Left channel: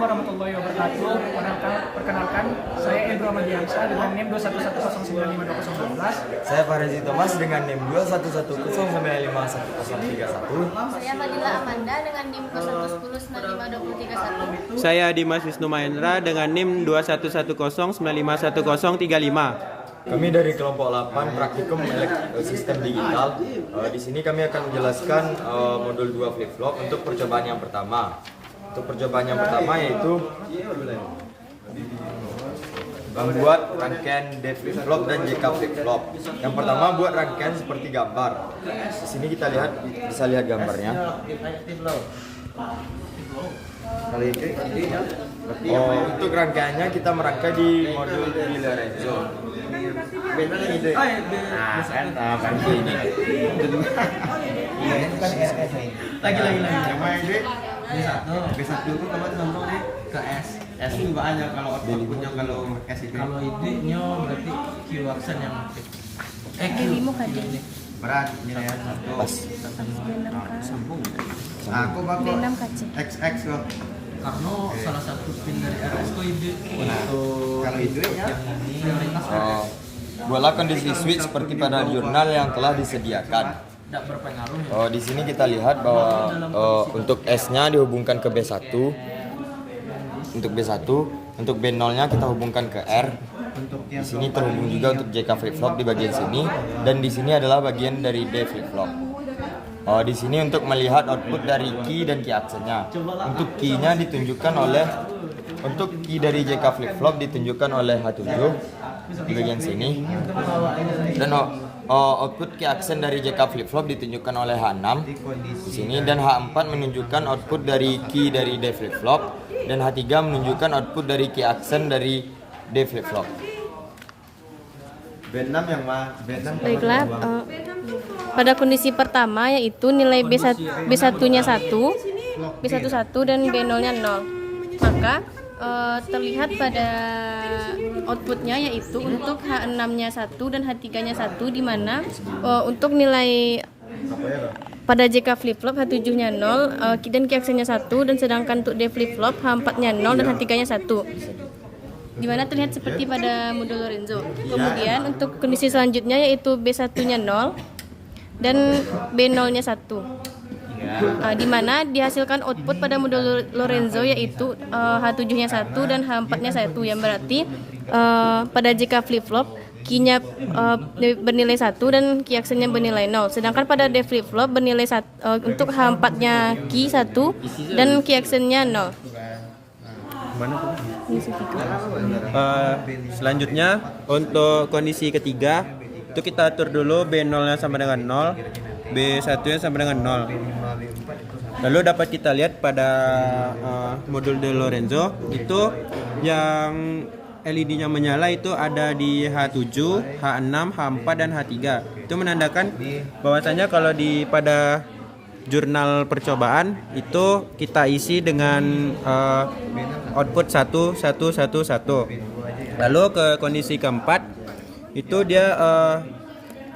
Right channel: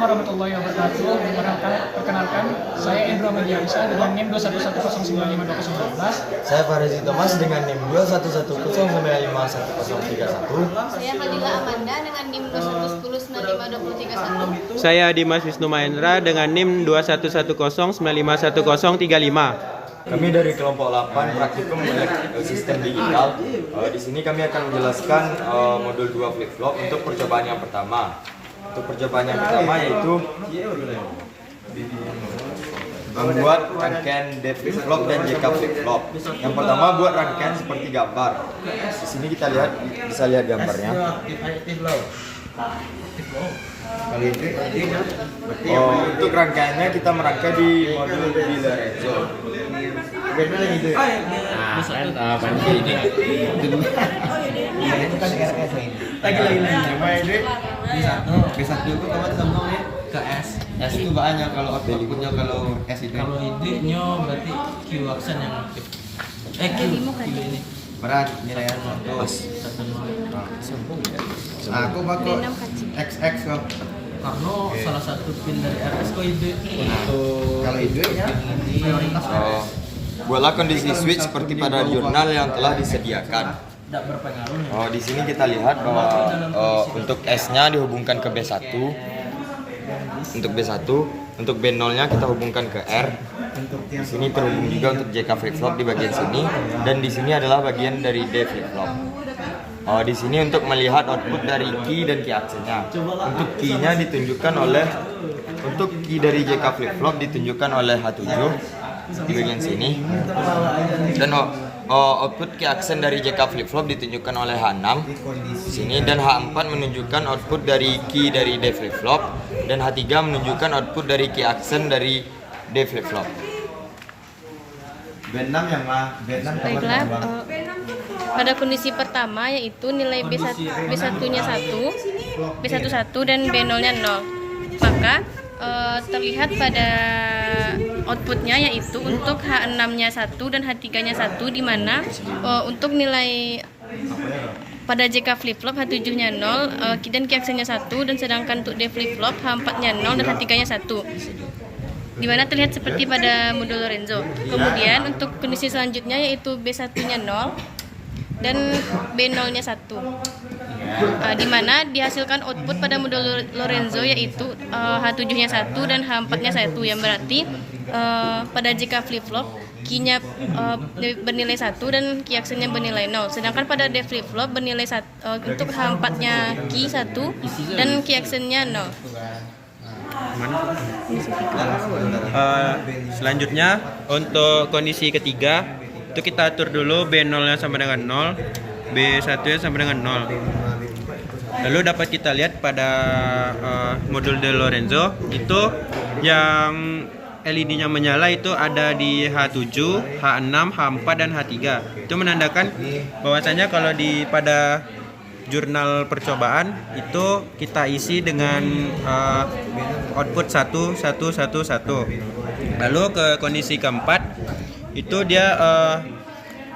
warahmatullahi wabarakatuh. Perkenalkan, saya Endro Amadiansyah dengan NIM 211095211. Saya Farezi Thomas dengan NIM 211095131. Saya Fadila Amanda dengan NIM 211095231. Saya Dimas Wisnu Mahendra dengan NIM 21109511035. Kami dari kelompok 8 Praktikum Sistem Digital. Di sini kami akan menjelaskan modul 2 flip-flop untuk percobaan yang pertama. Untuk percobaan yang pertama yaitu membuat rangkaian D flip-flop dan JK flip-flop. Yang pertama buat rangkaian seperti gambar. Di sini kita bisa lihat gambarnya. Untuk rangkaiannya kita merangkai di modul Di Lorenzo. B1 itu kamu contohnya ke S. S itu banyak kalau outputnya kalau S itu. Kalau ide-nya berarti Q aksen yang aktif. Q ini. Berat nilai pas. Aku pakai XX kok. Karena salah satu pin dari RS kok ide. Untuk kalau ide ya prioritas RS. Buatlah kondisi switch seperti pada jurnal yang telah disediakan. Tidak berpengaruh. Di sini kita lihat bahwa untuk S-nya dihubungkan ke B1. Untuk B1, untuk B0-nya kita hubungkan ke R. Di sini terhubung juga untuk JK flip-flop di bagian sini, dan di sini adalah bagian dari D flip-flop. Di sini untuk melihat output dari key dan key aksennya. Untuk key-nya ditunjukkan oleh dari JK flip-flop ditunjukkan oleh H7 di bagian sini, dan output key aksen dari JK flip-flop ditunjukkan oleh H6 di sini, dan H4 menunjukkan output dari key dari D flip-flop, dan H3 menunjukkan output dari key aksen dari D flip-flop. Baiklah, pada kondisi pertama yaitu nilai B1-nya 1, B11 dan B0-nya 0. Maka terlihat pada outputnya yaitu untuk H6-nya 1 dan H3-nya 1, di mana untuk nilai pada JK flip-flop H7-nya 0 dan key aksennya 1, dan sedangkan untuk D flip-flop H4-nya 0 dan H3-nya 1, di mana terlihat seperti pada modul Lorenzo. Kemudian untuk kondisi selanjutnya yaitu B1-nya 0 dan B0-nya 1, di mana dihasilkan output pada modul Lorenzo yaitu H7-nya 1 dan H4-nya 1, yang berarti pada JK flip-flop key-nya bernilai 1 dan key aksennya bernilai 0. Sedangkan pada D flip-flop bernilai 1, untuk H4-nya key 1 dan key aksennya 0. Selanjutnya untuk kondisi ketiga itu kita atur dulu B0-nya sama dengan 0, B1-nya sama dengan 0. Lalu dapat kita lihat pada modul De Lorenzo itu yang LED-nya menyala itu ada di H7, H6, H4 dan H3. Itu menandakan bahwasanya kalau pada jurnal percobaan itu kita isi dengan output 1, 1, 1, 1. Lalu ke kondisi keempat itu dia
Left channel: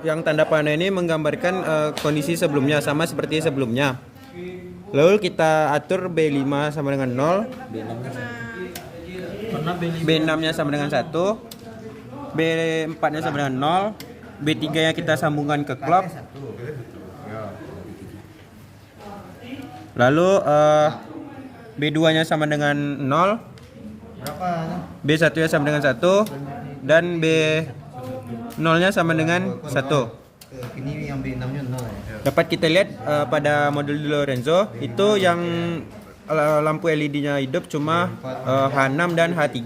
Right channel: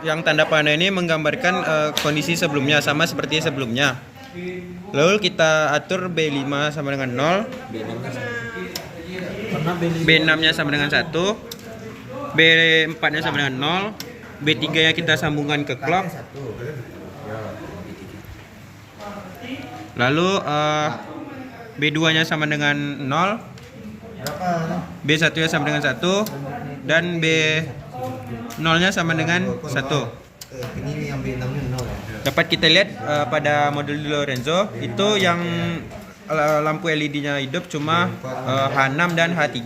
yang tanda panah ini menggambarkan kondisi sebelumnya sama seperti sebelumnya. Lalu kita atur B5 sama dengan 0, B6-nya sama dengan 1, B4-nya sama dengan 0, B3-nya kita sambungkan ke clock. Lalu B2-nya sama dengan 0, B1-nya sama dengan 1, dan B0-nya sama dengan 1. Dapat kita lihat pada modul Di Lorenzo itu yang lampu LED-nya hidup cuma H6 dan H3.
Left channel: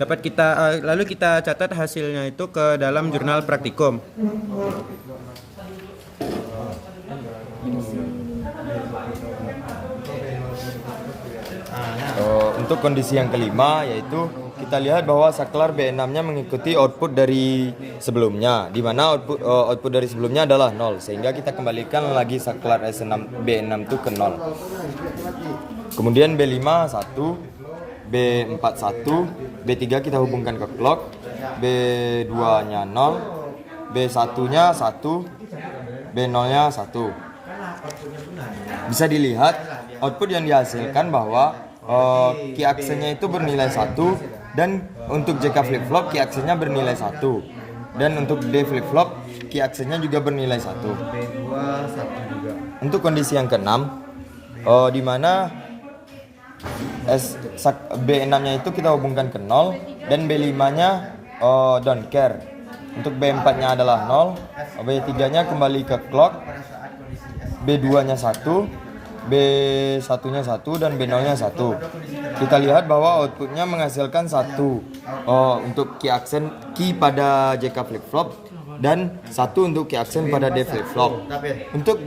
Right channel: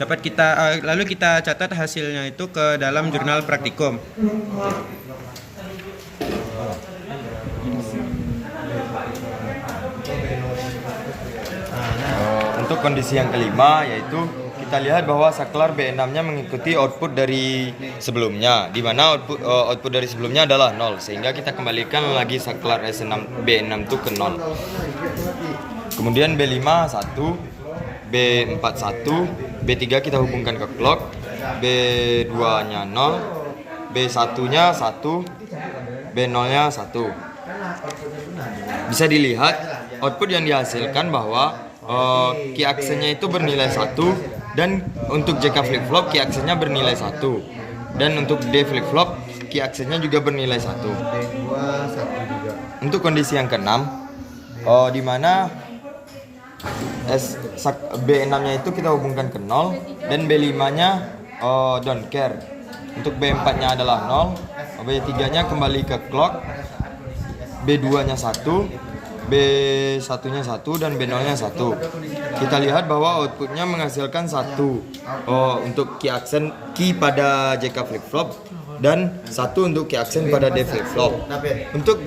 Dapat lalu kita catat hasilnya itu ke dalam jurnal praktikum. Untuk kondisi yang kelima yaitu kita lihat bahwa saklar B6-nya mengikuti output dari sebelumnya, di mana output dari sebelumnya adalah 0, sehingga kita kembalikan lagi saklar B6 itu ke 0. Kemudian B5 1, B4 1, B3 kita hubungkan ke clock, B2-nya 0, B1-nya 1, B0-nya 1. Bisa dilihat output yang dihasilkan bahwa key aksennya itu bernilai 1, dan untuk JK flip flop key aksennya bernilai 1, dan untuk D flip flop key aksennya juga bernilai 1. B2 1 juga. Untuk kondisi yang keenam, di mana B6-nya itu kita hubungkan ke 0 dan B5-nya don't care. Untuk B4-nya adalah 0, B3-nya kembali ke clock, B2-nya 1, B1-nya 1, dan B0-nya 1. Kita lihat bahwa outputnya menghasilkan 1 untuk key aksen key pada JK flip flop dan 1 untuk key aksen pada D flip flop. Untuk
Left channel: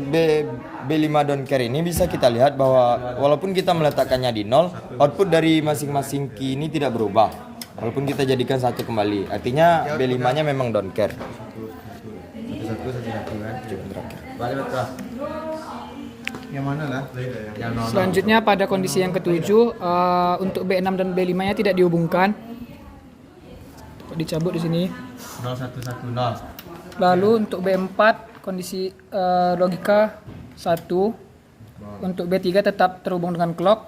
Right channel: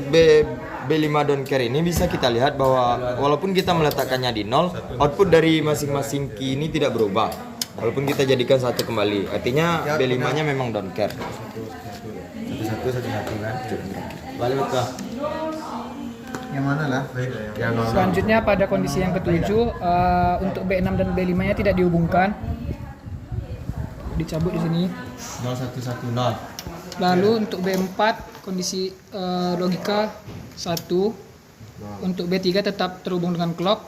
B5 don't care ini bisa kita lihat bahwa walaupun kita meletakkannya di 0, output dari masing-masing key ini tidak berubah walaupun kita jadikan 1 kembali. Artinya B5-nya memang don't care. Yang mana lah? Yang 0. Selanjutnya pada kondisi yang ketujuh, untuk B6 dan B5-nya tidak dihubungkan. Dicabut di sini. 0110. Lalu untuk B4 kondisi logika 1. Untuk B3 tetap terhubung dengan clock.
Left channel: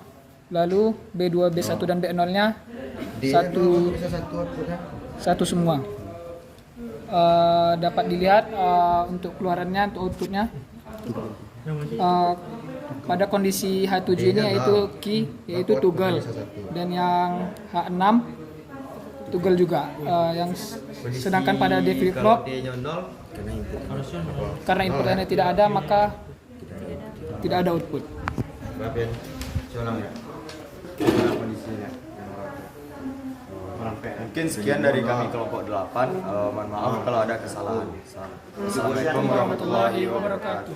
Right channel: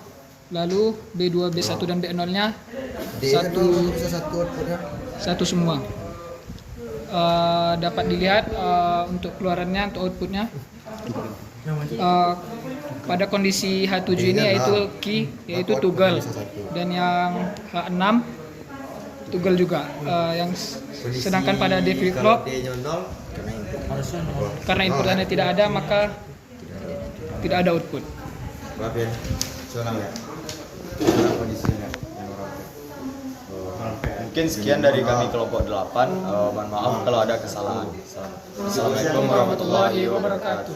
Lalu B2, B1 dan B0-nya satu semua. Dapat dilihat untuk keluarannya, untuk outputnya. Pada kondisi H7 ini yaitu key, yaitu toggle, dan yang H6 toggle juga. Sedangkan pada D flip flop karena inputannya tidak ada, maka tidak ada output. Mungkin sekian dari kami kelompok 8. Mohon maaf kalau ada kesalahan. Assalamualaikum warahmatullahi wabarakatuh.